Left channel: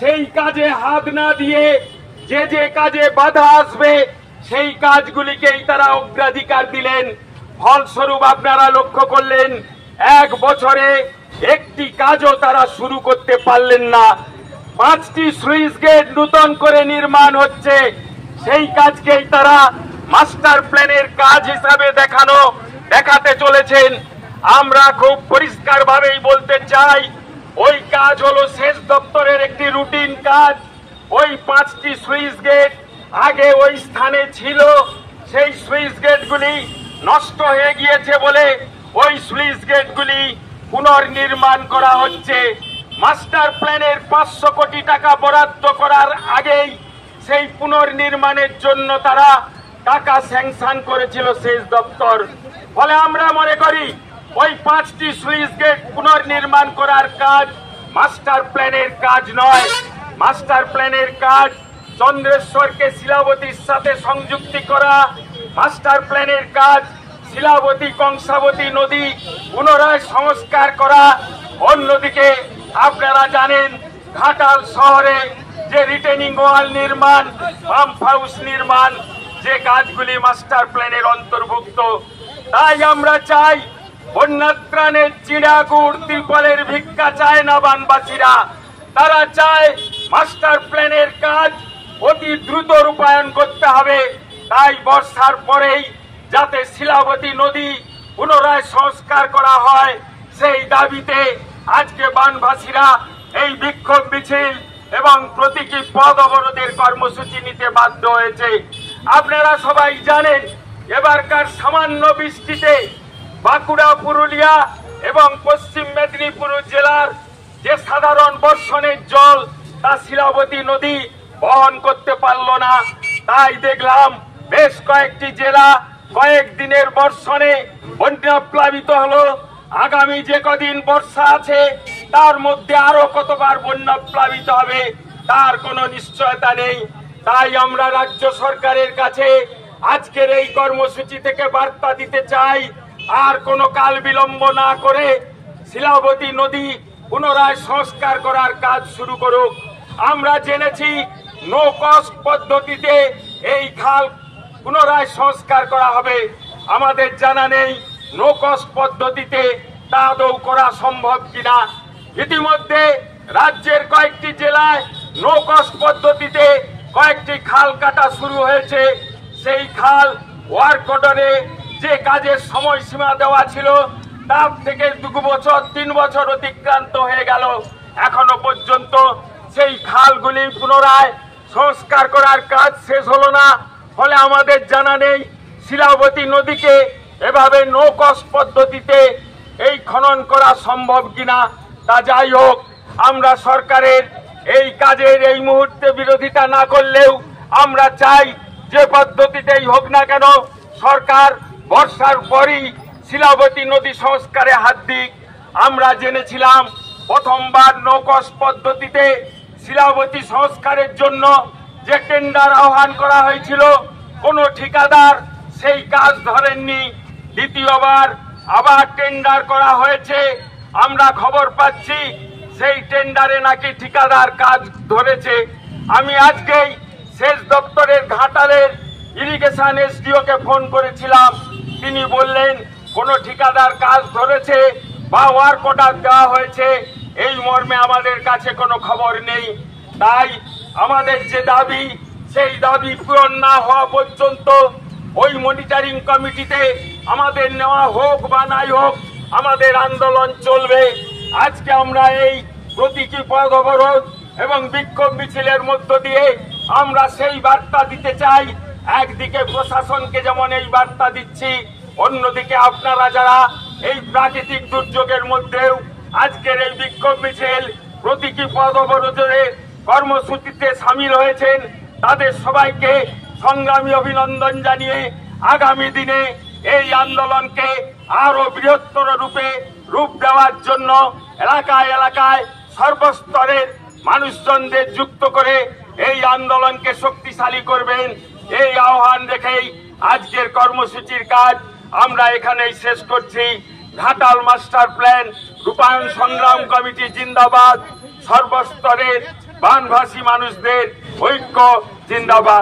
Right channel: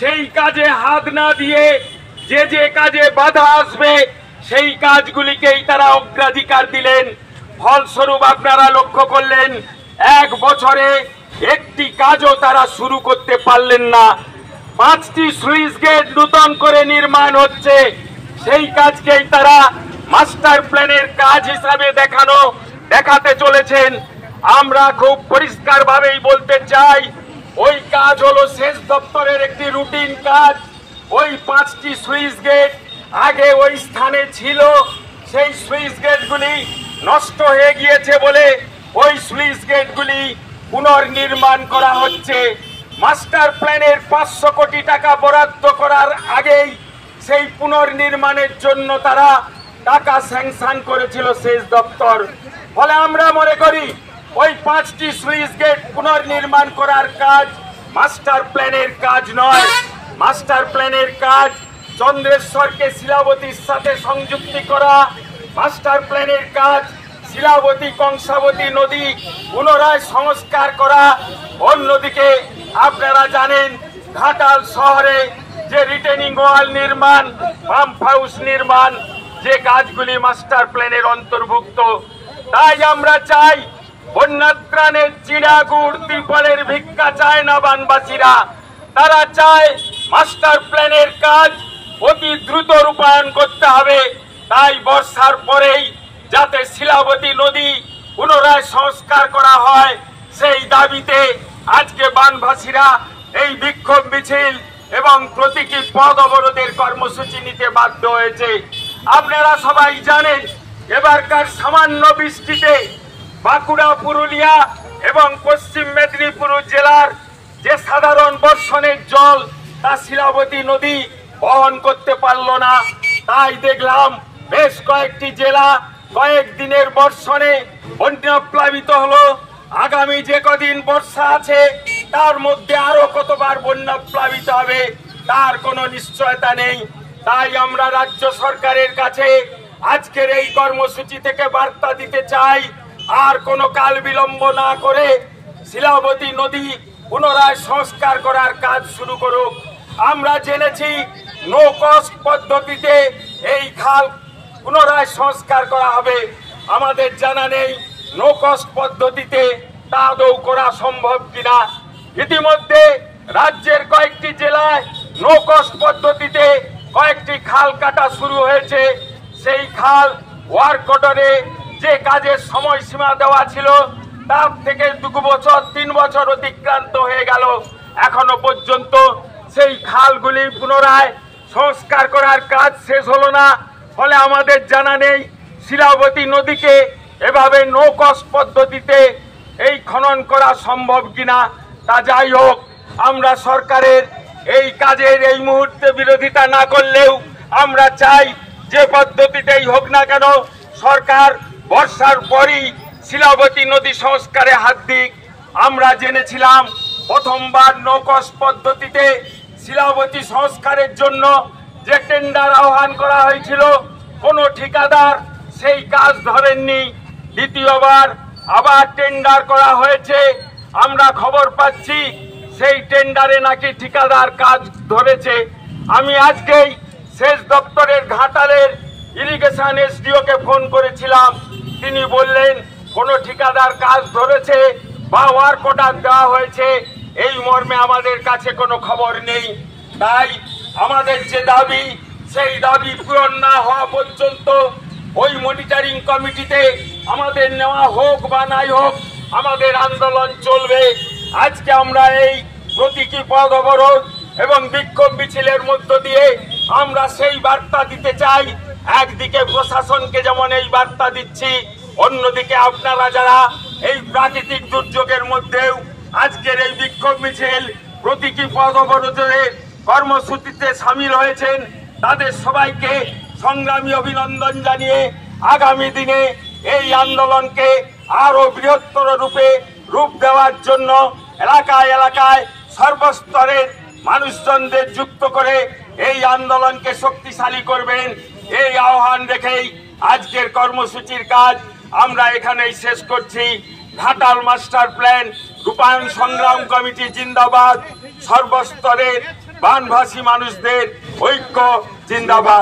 সেই কাজে হাত না দিয়ে যে যে কাজে বাধা আসবে সেই কাজগুলিকেই তারা অগ্রাধিকার দিলেন। ফলস্বরূপ আপনারা লক্ষ্য করলেন 1 বছরে একটি কাজও তারা শুরু করতে পারলেন না। 5টি সুইচ গেট নূতন করে নির্মাণ হচ্ছে, সেই কাজকেই তারা মাস্টার প্ল্যানের কাজ হিসাবে দেখাতে চলেছেন। আমরা খুব পরিষ্কার ভাবেই বলতে চাই, ওই কাজ হলো সেচ দপ্তরের একটি রুটিন কাজ। ওই 5টি সুইচ গেট আগে ওই স্থানে ছিল, সেই সুইচ গেটগুলি নষ্ট হয়ে গিয়েছে বলে ওই সুইচ গেটগুলি পুনর্নির্মাণ করা হচ্ছে। মাস্টার প্ল্যানের 500 কোটি টাকা বরাদ্দ করার আগেই সেই পুনর্নির্মাণের জন্য তারা টাকা স্যাংশন করেছিল সেচ দপ্তর। ফলে আমরা মনে করি ওই 5টি সুইচ গেট পুনর্নির্মাণ করার কাজ মাস্টার প্ল্যানের কাজ নয়। মাস্টার প্ল্যানের কাজ চন্দ্রেশ্বরকে শিলাবতীর সাথে সংযুক্তি করা, মাস্টার প্ল্যানের কাজ শিলাবতী কংসাবতী নদী পুনরায় সংস্কার করা। অন্যদিকে আপনারা জানেন ঘাটাল শহরে যে রিটেনিং ওয়াল নির্মাণ, পাম্প হাউস নির্মাণ, যে কাজগুলি মাস্টার প্ল্যানের অন্তর্ভুক্ত। তাই আমরা চাই বন্যাত্রাণের চিড়াগুড় ত্রিপলের ভিক্ষা চায় না বানবাসীরা, তারা চায় মাস্টার প্ল্যানের কাজ অতি দ্রুত রূপায়ণ করতে হবে। তাই বর্ষার পরেই যাতে শিলাবতী নদী পুনরায় সংস্কার করা হয়, সেই দাবিতে আজকে বানভাসীরা এই বিক্ষোভ মিছিল এবং প্রতীকী পথ অবরোধের কর্মসূচি নিতে বাধ্য হয়েছে। আপনারা সবাই জানেন এবারকার সামান্য বৃষ্টিতে বাঁকুড়া, পুরুলিয়া এবং পশ্চিম মেদিনীপুর জেলার যে সাধারণ বর্ষণের জল তা শিলাবতী নদী বহন করতে পারল না। তাই দেখলাম বেশ কয়েকটি জেলা কয়েকদিনের বর্ষণে বন্যা প্লাবিত হলো। আগামী যে কদিন বর্ষা আছে তার মধ্যে আরো কতবার বন্যা প্লাবিত হবে তার কোনো নিশ্চয়তা নেই। তাই আমরা রাজ্য সরকারের কাছে আজকের এই কর্মসূচি থেকে বার্তা দিতে চাই, আর কোনো কাল বিলম্ব না করে শিলাবতী নদী পুনরায় সংস্কার করার কাজ শুরু করুক। আমরা জেনেছি নো কস্ট পদ্ধতিতে এই খাল পুনরায় সংস্কার করা হবে। আমাদের জানা নেই নো কস্ট পদ্ধতিতে তা আদৌ করা সম্ভব কিনা। ইতিমধ্যে রাজ্যের কয়েকটি জেলায় নো কস্ট পদ্ধতিতে কয়েকটি খাল কাটা শুরু হয়েছে। সেই খাল ওয়ার্ক অর্ডারে যে কাজের সময়সীমা দেওয়া ছিল তার থেকে 2 বছর 3 বছর অতিক্রান্ত হয়ে গেল, এখনো পর্যন্ত সেই খালগুলি পুনরায় সংস্কার করার কাজ শেষ হলো না। ফলে আমাদের জানা নেই শিলাবতী নদীকে এভাবে নো কস্ট পদ্ধতিতে এই খনন করা সম্ভব কিনা। তা যাই হোক, আমরা সরকারের এই কাজের এই মুহূর্তে বিরোধিতা না করলেও আমরা চাই যে পদ্ধতিতেই হোক না কেন সরকার বর্ষার পরই শিলাবতী নদী সংস্কারে হাত দিক। আমরা জেনেছিলাম প্রথমবার নো কস্ট পদ্ধতিতে শিলাবতী সংস্কারের জন্য যে টেন্ডার আহ্বান করা হয়েছিল কোনো ঠিকাদার সেই কাজ ধরেননি। দ্বিতীয়বার আবার টেন্ডার করা হয়েছে, আমরা খবর পাচ্ছি সেই টেন্ডারে নাকি ঠিকাদার কাজ ধরেছে। আমি আজকেই সেচ দপ্তরের ঘাটালের ইরিগেশন এসডিওকে ফোন করেছিলাম, তিনি বললেন কোন ঠিকাদার কাজ ধরেছে বা ওয়ার্ক অর্ডার দেওয়া হয়েছে এই মর্মে আমাদের কাছে কোনো খবর নেই। তাই আমাদের যে দাবি সেই দাবি পূরণ না হওয়া পর্যন্ত ওই মনিটরিং কমিটিতে আমাদের নেওয়া হোক বা নাই হোক আমাদের আন্দোলন চলবে। আজকে আমরা এই প্রতীকী পথ অবরোধ এবং বিক্ষোভ মিছিলের মধ্য দিয়ে আমরা সেই বার্তা দিতে চাই। একদিকে প্রশাসনকে যেমন এই বার্তা দিচ্ছি, অন্যদিকে আপনারা যারা এই প্রাকৃতিক দুর্যোগের মধ্যেও আজকের এই বিক্ষোভ মিছিল প্রতীকী পথ অবরোধের কর্মসূচিতে সামিল হয়েছেন তাদের সবাইকে সংগ্রামী অভিনন্দন জানিয়ে আগামী দিনে এই আন্দোলনকে আরো বৃহত্তর রূপ দেওয়ার জন্য এলাকায় এলাকায় সর্বস্তরের মানুষজনদের যুক্ত করে এই আন্দোলনকে শক্তিশালী করবেন, এই আহ্বান রেখেই আজকের কর্মসূচির কাজ আমরা এখানেই শেষ করছি। ঘাটাল মাস্টার প্ল্যান রূপায়ণ সংগ্রাম কমিটি জিন্দাবাদ। সর্বস্তরের বানভাসী মানুষদের ঐক্য জিন্দাবাদ।